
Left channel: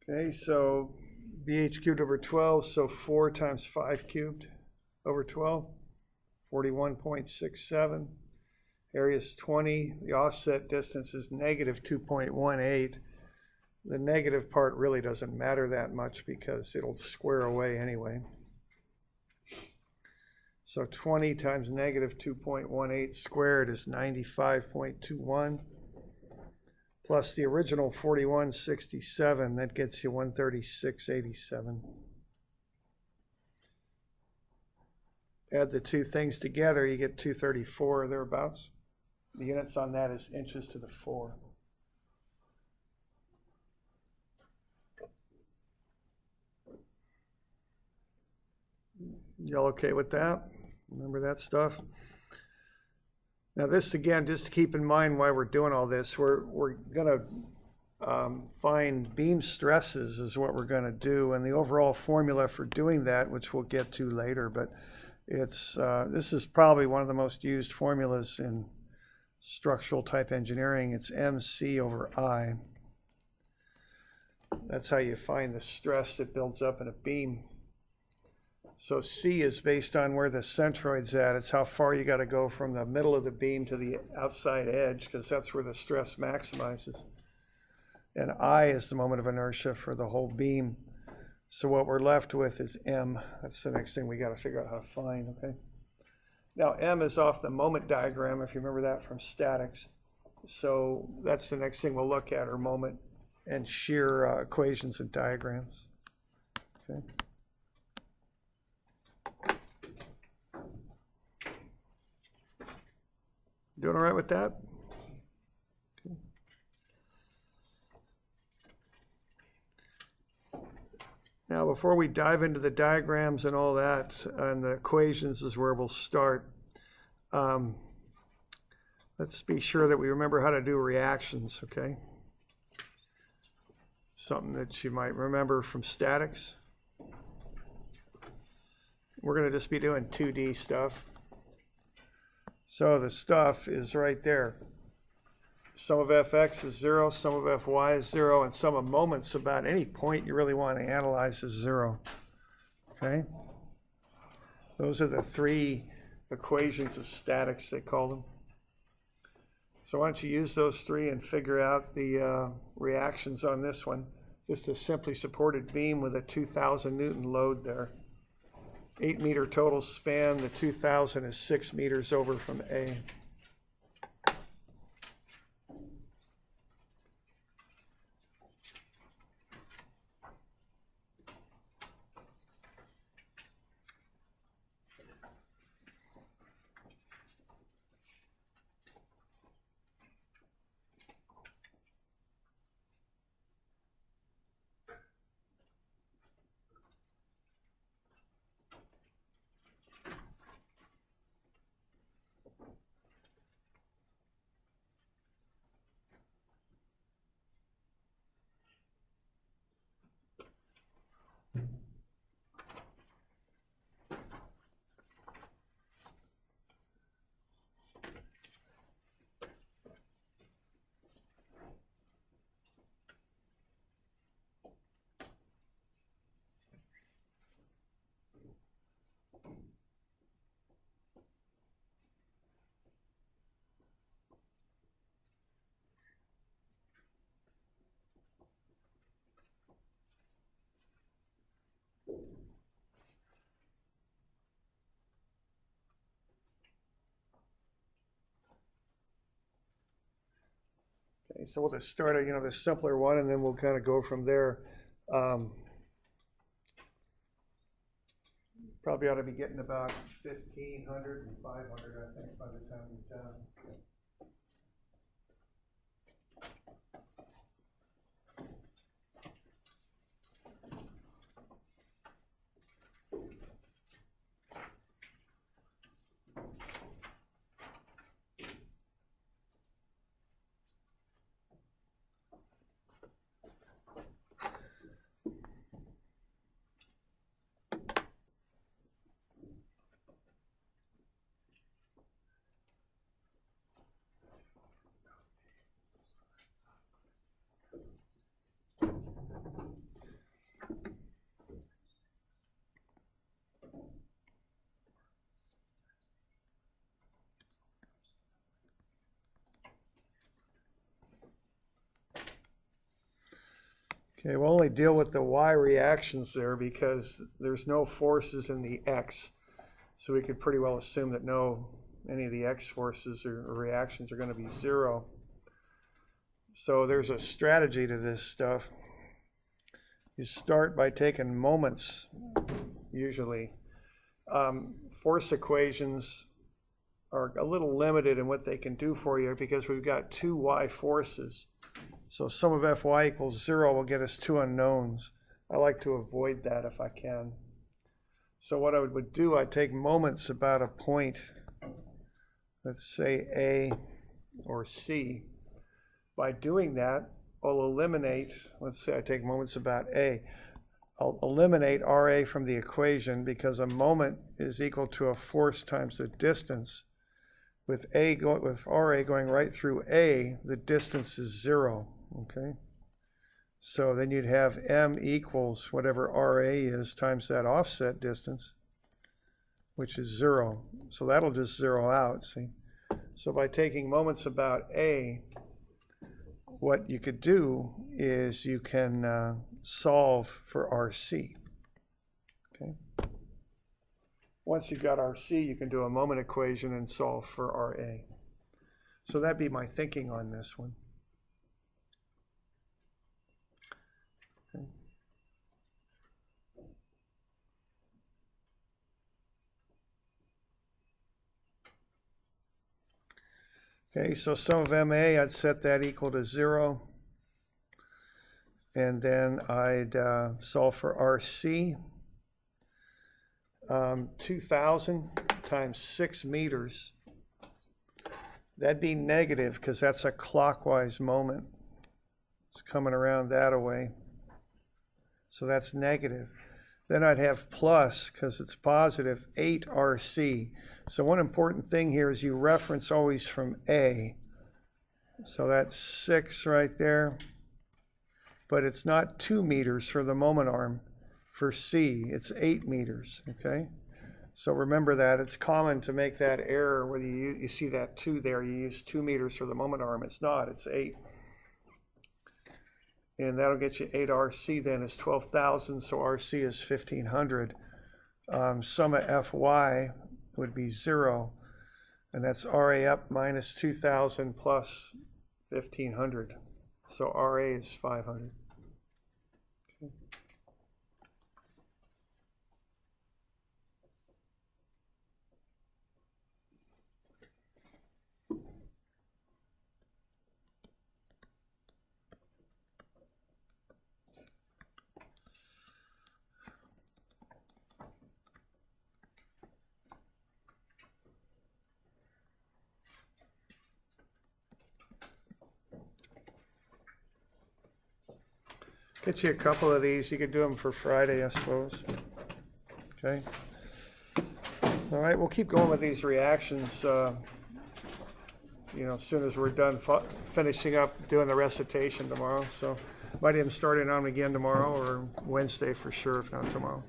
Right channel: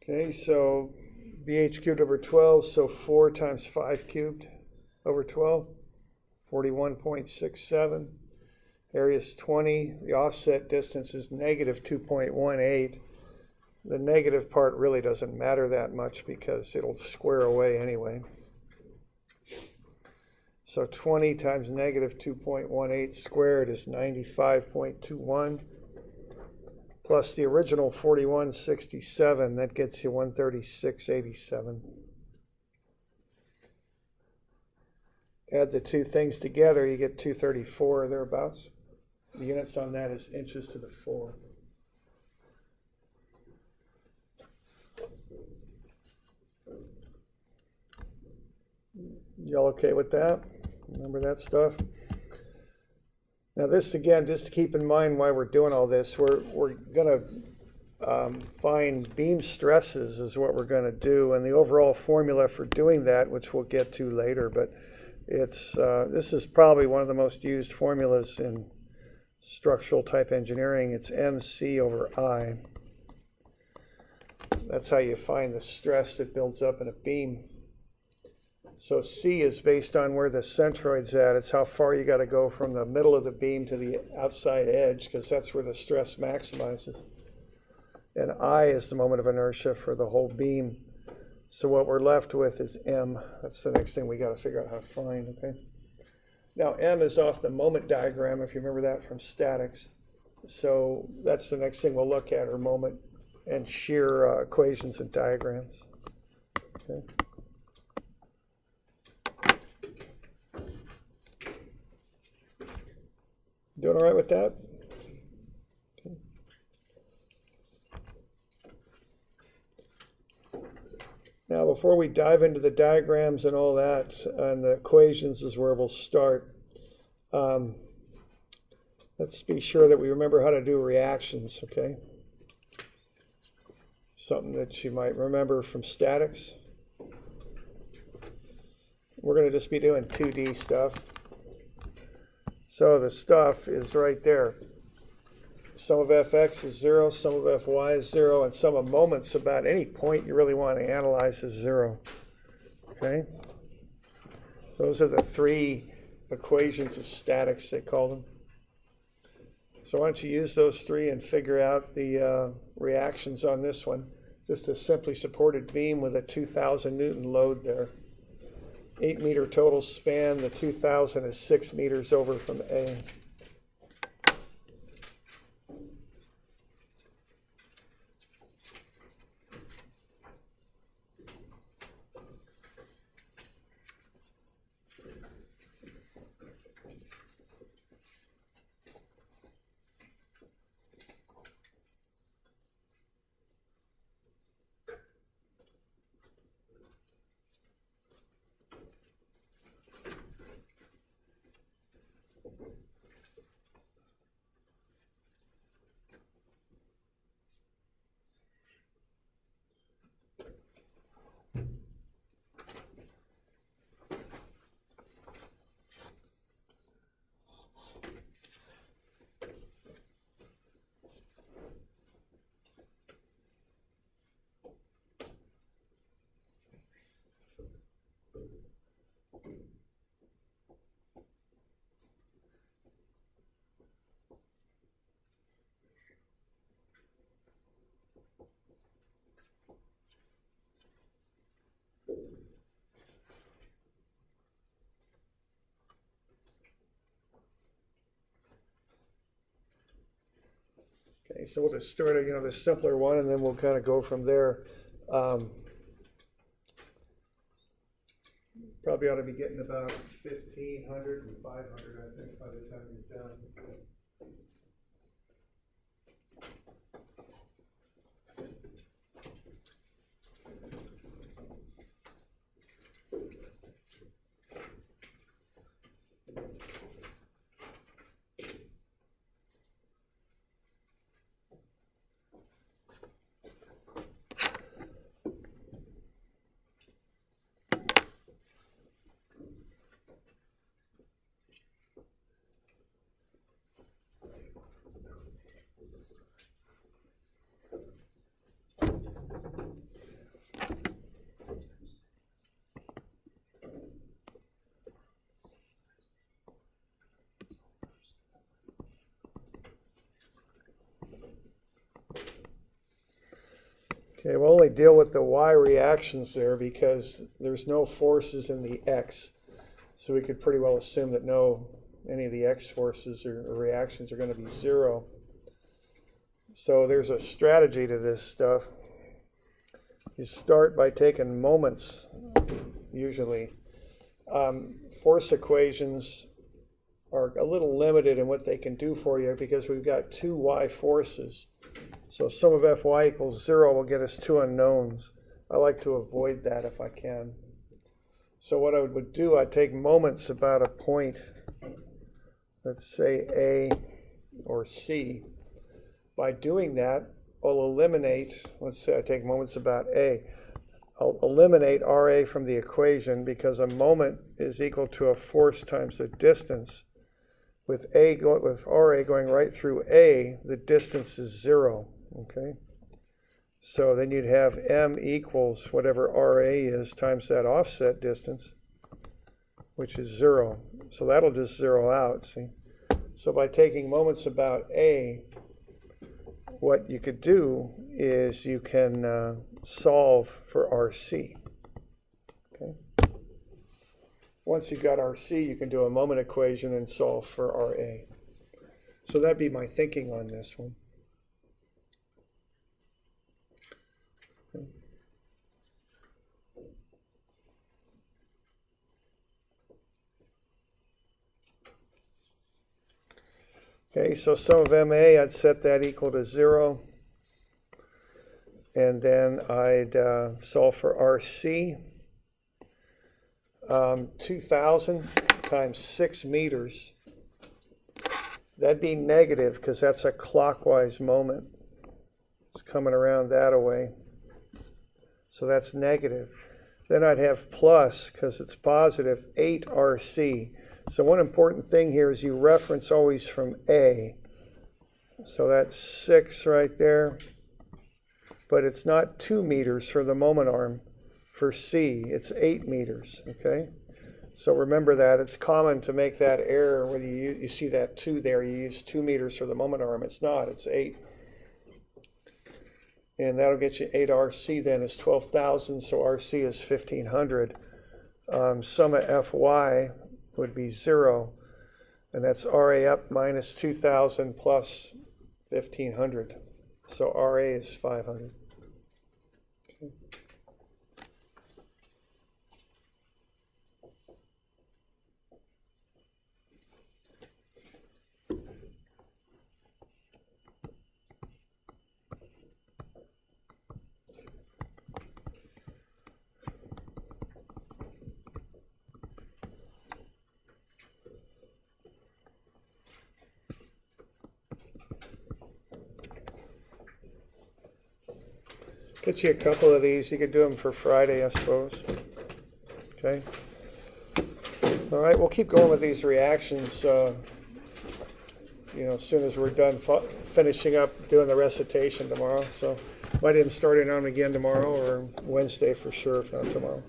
Okay, so BH cubed over 12, so 4 times 5 cubed over 12, 41.67. Area is 20. The offset distance is negative 2.18. The negative part really doesn't matter that much because it'll square away anyway. So 20 times negative 2.18 squared is 95.21. Plus the original 4167, that gets you 136.87. Add the two things together, you get 234 or thereabouts. The units on that is inches to the 4. Y'all okay with that? Remember that stuff? Now this, again, just to keep in mind why we're doing all this, we're going to find beam stresses is what we're going to do, and the overall formula for doing that, which we'll get to later, but it's this is probably one of the most used formulas in structural type engineering. It's MC over I. That's how you find the stress that builds up in a beam. So C is based on where the centroid's at. It's how far you got to go from the middle of the beam to the outside edge, because that's where the stress maximizes. And I is the moment of inertia for the whole beam. So what we're left with is M. That's the next thing we got to figure out how to find, okay? Now M is off the moment diagram, if you remember that from statics. So that's the next thing we'll look at, are moment and shear equations and diagrams, okay? Doing all right with that? Okay. Now, before we dive into the diagrams and all that, and the equations is where we'll start. Let's be sure that we remember how to do reactions, okay? Something that you might remember from statics. We're going to just be doing 2D stuff. So the stuff is right there. Sum of fx is 0, sum of fy is 0, and sum of moments about any point you really want to analyze is 0. Okay? Those are the three equations of statics, they call them. So why don't you use those three and figure out the reactions on this one. Just a simply supported beam with a 2,000 Newton load there. 8 meter total span, the 2,000 is 6 meters over from A. Okay, so we'll just start the simpler one, and then we'll kind of go from there. Probably ought to be getting about 1,500 and 500, I think, by the time you're done. Okay, we'll only deal with the Y reactions there because there's no forces in the X. So we could pretty well assume that any of the X forces or reactions are going to be zero. So there's a strategy to this stuff. You start by taking moments, usually. Force equations are a little limited in what they can do for you because we've got two Y forces. So sum of Fy equals 0 will get us two unknowns. I like to avoid that if I can. So what I would do, I'd take moments about a point, let's say A or C. By doing that, I'll eliminate, let's say I take moments about A. I'll eliminate RA from the equation because a moment is equal to a force times the distance. With RA going right through A, the distance is 0. Okay, so then you'd have M equals whatever RA is times that offset distance, which is 0. So that'll just zero out, see? So by taking moments about A, what you could do is you can solve for RC. Okay. Once you've got RC, you can do a moment equation and solve for RA. So that'd be my thinking on this one. Okay, so sum of MA, I'd set that equal to 0. And then I'd solve for RC. 2,000 times 6 meters. That'd be negative because that's a clockwise moment. It's coming around that way. So that's negative. Then I'd have plus, because it's positive, 8 RC. So one important thing here is you reference always from A. So that's 6 right there. But it's not 2 meters for the moment arm. For C, it's 8 meters, okay? So remember that. It's common to make that error whether you see that 2 there. You use 2 meters for the moment arm. It's not. It's 8. And that'll get you 8 RC then is 12,000. So RC is 1,500. Sum of Fy would be 0, and that's RA up minus 2,000 plus 1,500. So RA is 500. Okay. Get you a couple of these. You could do them for Friday, I suppose. Okay. All right, we'll keep going with these reactions. As soon as we're done finishing up doing the recitation tomorrow. So might even start it on again tomorrow or Wednesday for sure, if not tomorrow.